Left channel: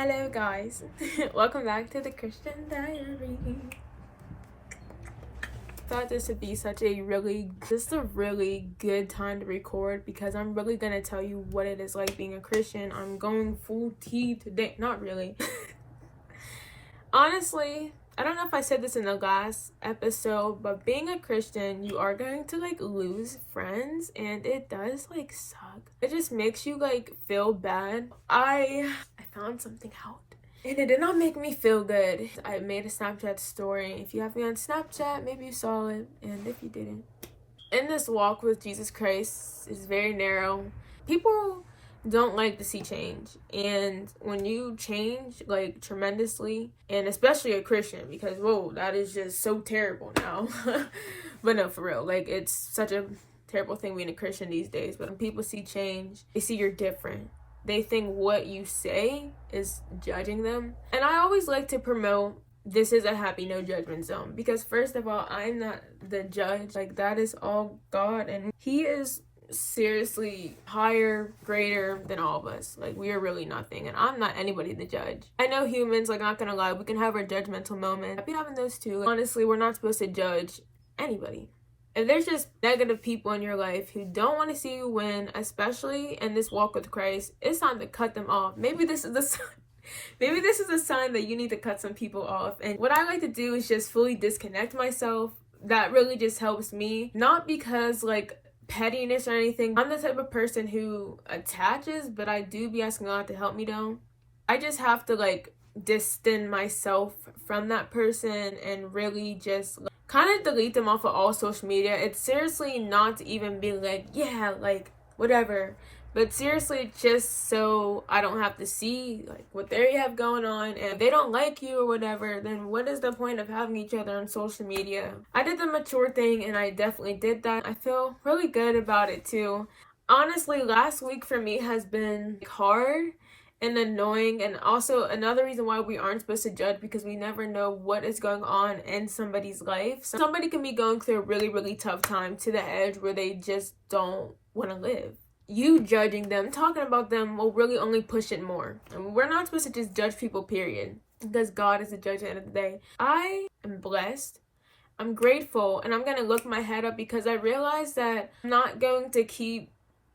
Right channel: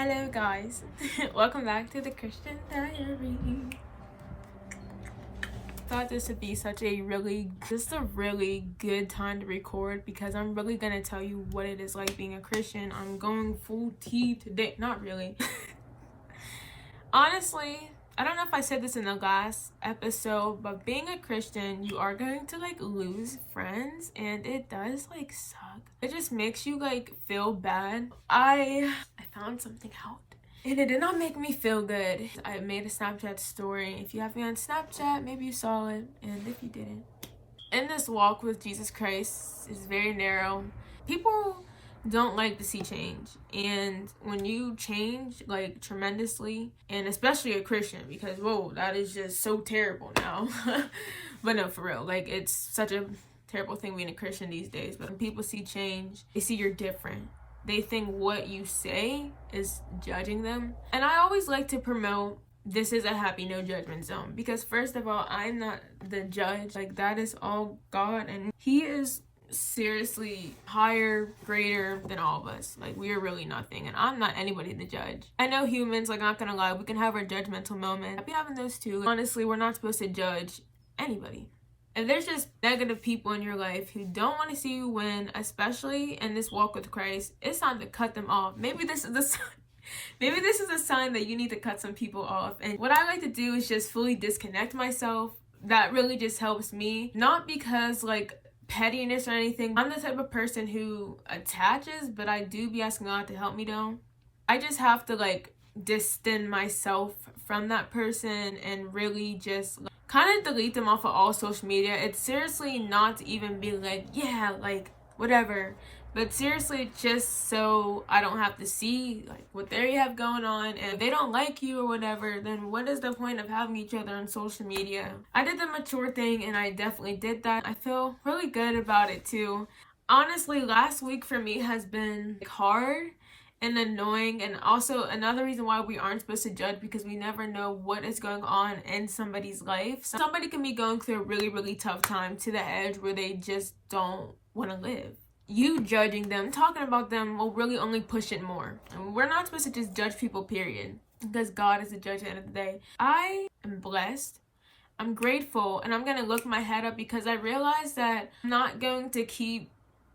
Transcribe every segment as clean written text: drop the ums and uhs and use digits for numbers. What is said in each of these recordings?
Hello guys, welcome back to the Christian Diaries. Thought this would be a really good time to record because I'm really gonna tell you what it is like being a Christian. I'm going full tea today. Not really. Honestly, I don't know if I said this in the last episode, but being a Christian, you are going to lose friends, and it does suck. It just makes you feel bad. I found something out, and it did not make me feel good. I made a Snapchat story. If you have me on Snapchat, maybe you saw it, and if you didn't. In this walk with Jesus Christ is very narrow. People don't like to see change, and when you change tremendously, and especially a Christian, because whoa, that is just so terrible now. But no, for real, it's such a terrible thing being a Christian these days. But when people see change, they see you're different. They think what you say is judging them. And I always like to promote this is a happy no judgment zone, because first of all, I'm not the judge. That is all God, and he is seriously higher, greater than all of us. We are really nothing, and I'm not anybody to judge. I know humans, not gonna lie, we can have our judgmental moments. I've been having those too. Honestly, we're not supposed to judge anybody. If there's just negative people in your life who don't want to see you win, especially in this walk with Christ, it's time to cut them off. Maybe this is the sign. Maybe this is a sign that you need to cut some people off. And what I like to do is just fully disconnect myself. That really just helps me. Not because pettiness or anything. I'm the type of person who attaches, but I do be asking God to help me down. I just have to distance myself from that person and really just kind of delete them off of all social media. It's seriously not to even be whatever, but seriously just so I don't have to see what they have going on. And if they don't like you or whatever, then what is the point of having each other on social media? I did the mature thing, and I definitely did that. I feel really good about it too. Honestly, last week for me has been hard and annoying, and also another reason why we aren't supposed to judge, because we never know what is going on in somebody's life. So somebody can be going through a really tough time to the edge where they just don't want to live. You judging them, talking about them, will really only push it more. And we're not supposed to just judge people, period, because God is the judge at the end of the day. I am blessed, I'm grateful, and I'm gonna look my head up, because I realize that I'm not going to keep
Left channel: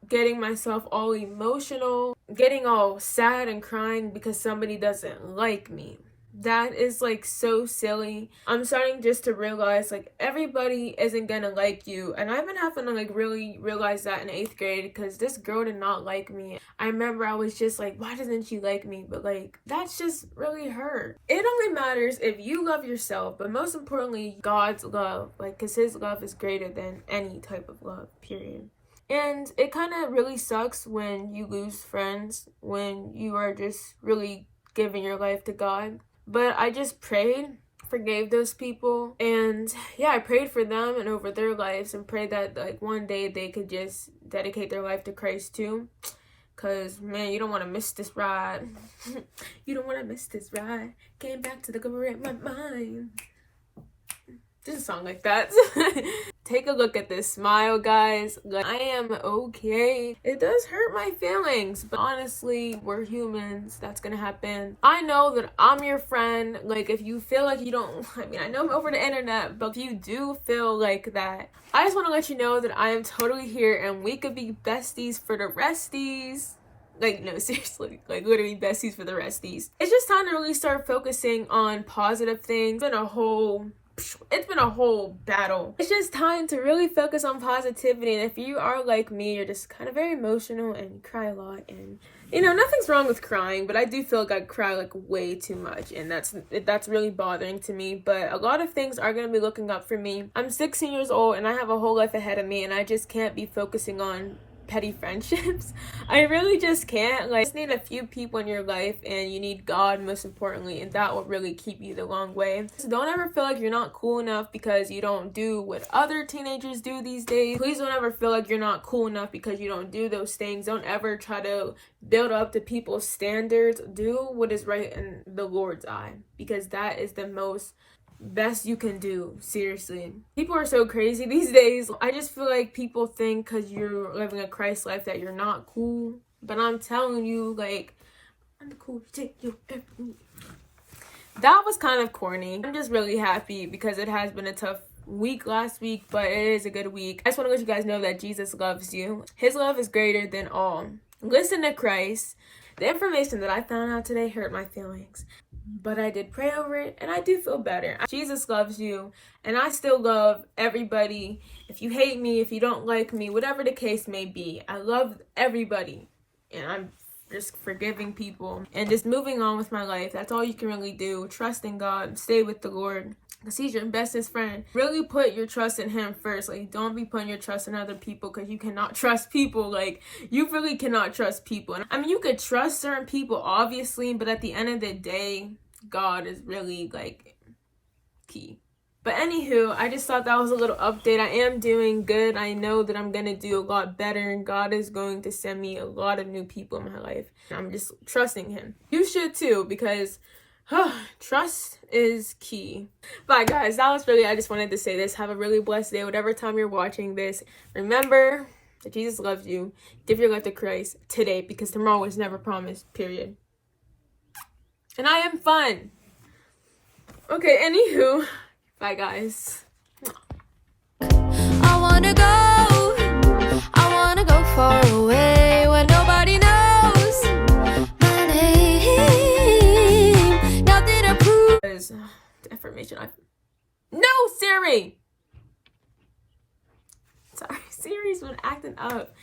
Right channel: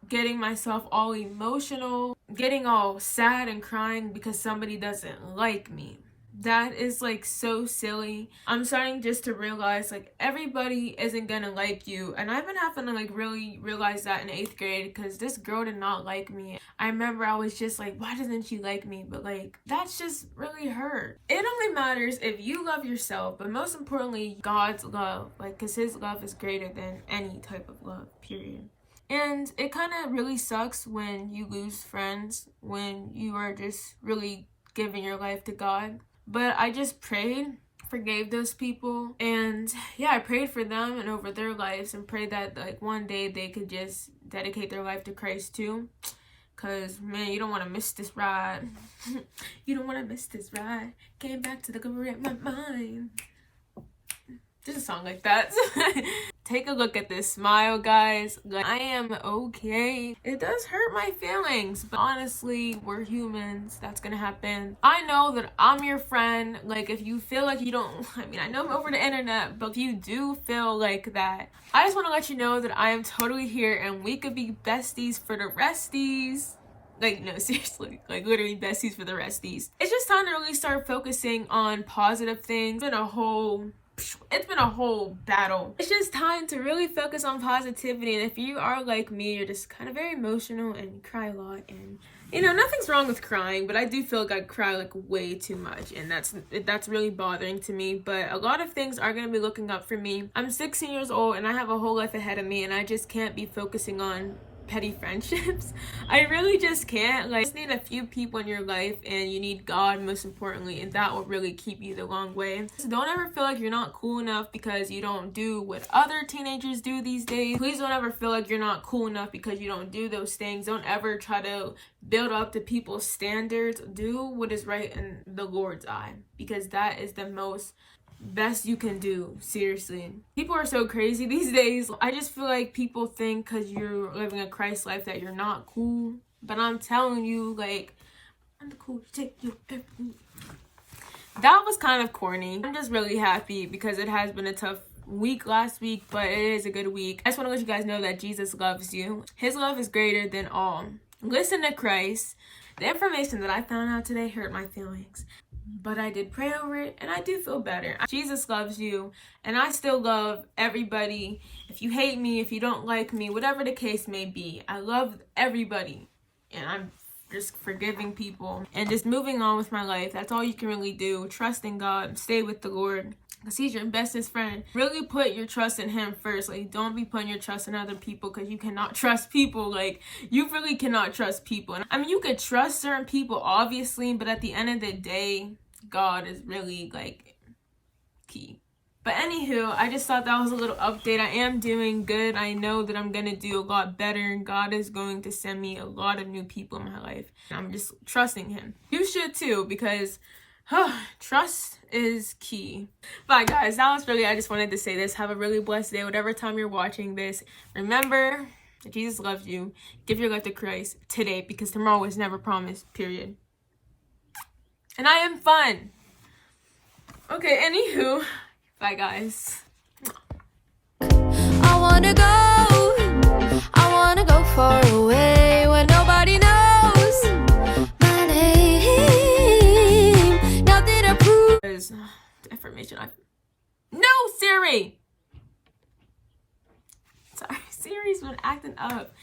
getting myself all emotional, getting all sad and crying because somebody doesn't like me. That is so silly. I'm starting just to realize everybody isn't gonna like you, and I've been having to really realize that in 8th grade, because this girl did not like me. I remember I was just why doesn't she like me? But that's just really her. It only matters if you love yourself, but most importantly, God's love, because his love is greater than any type of love, period. And it kind of really sucks when you lose friends, when you are just really giving your life to God. But I just prayed, forgave those people, and yeah, I prayed for them and over their lives, and prayed that one day they could just dedicate their life to Christ too. Cause man, you don't want to miss this ride. You don't want to miss this ride. Came back to the glory of my mind. Just a song like that. Take a look at this smile, guys. I am okay. It does hurt my feelings, but honestly, we're humans. That's gonna happen. I know that I'm your friend. If you feel you don't, I know I'm over the internet, but if you do feel that, I just want to let you know that I am totally here, and we could be besties for the resties. No, seriously, literally besties for the resties. It's just time to really start focusing on positive things. It's been a whole battle. It's just time to really focus on positivity. And if you are like me, you're just kind of very emotional and you cry a lot, and nothing's wrong with crying, but I do feel I cry way too much, and that's really bothering to me. But a lot of things are going to be looking up for me. I'm 16 years old, and I have a whole life ahead of me, and I just can't be focusing on petty friendships. I really just can't. You just need a few people in your life, and you need God most importantly, and that will really keep you the long way. So don't ever feel you're not cool enough because you don't do what other teenagers do these days. Please don't ever feel you're not cool enough because you don't do those things. Don't ever try to build up to people's standards. Do what is right in the Lord's eye, because that is the best you can do. Seriously, people are so crazy these days. I just feel people think because you're living a Christ life that you're not cool, but I'm telling you, I'm the cool chick you ever meet. That was kind of corny. I'm just really happy because it has been a tough week last week, but it is a good week. I just want to let you guys know that Jesus loves you. His love is greater than all. Listen to Christ. The information that I found out today hurt my feelings, but I did pray over it and I do feel better. Jesus loves you, and I still love everybody. If you hate me, if you don't like me, whatever the case may be, I love everybody, and I'm just forgiving people and just moving on with my life. That's all you can really do. Trust in God, stay with the Lord, because he's your bestest friend. Really put your trust in him first. Like, don't be putting your trust in other people, because you cannot trust people. Like, you really cannot trust people. And I mean, you could trust certain people, obviously, but at the end of the day, God is really like key. But anywho, I just thought that was a little update. I am doing good. I know that I'm going to do a lot better, and God is going to send me a lot of new people in my life. I'm just trusting him. You should too, because trust is key. Bye guys, that was really, I just wanted to say this. Have a really blessed day, whatever time you're watching this. Remember that Jesus loves you. Give your life to Christ today, because tomorrow is never promised, period. And I am fun. Okay, anywho, bye guys. I wanna go far away where nobody knows my name. Nothing to prove. The information No, Siri! Sorry, Siri's been acting up.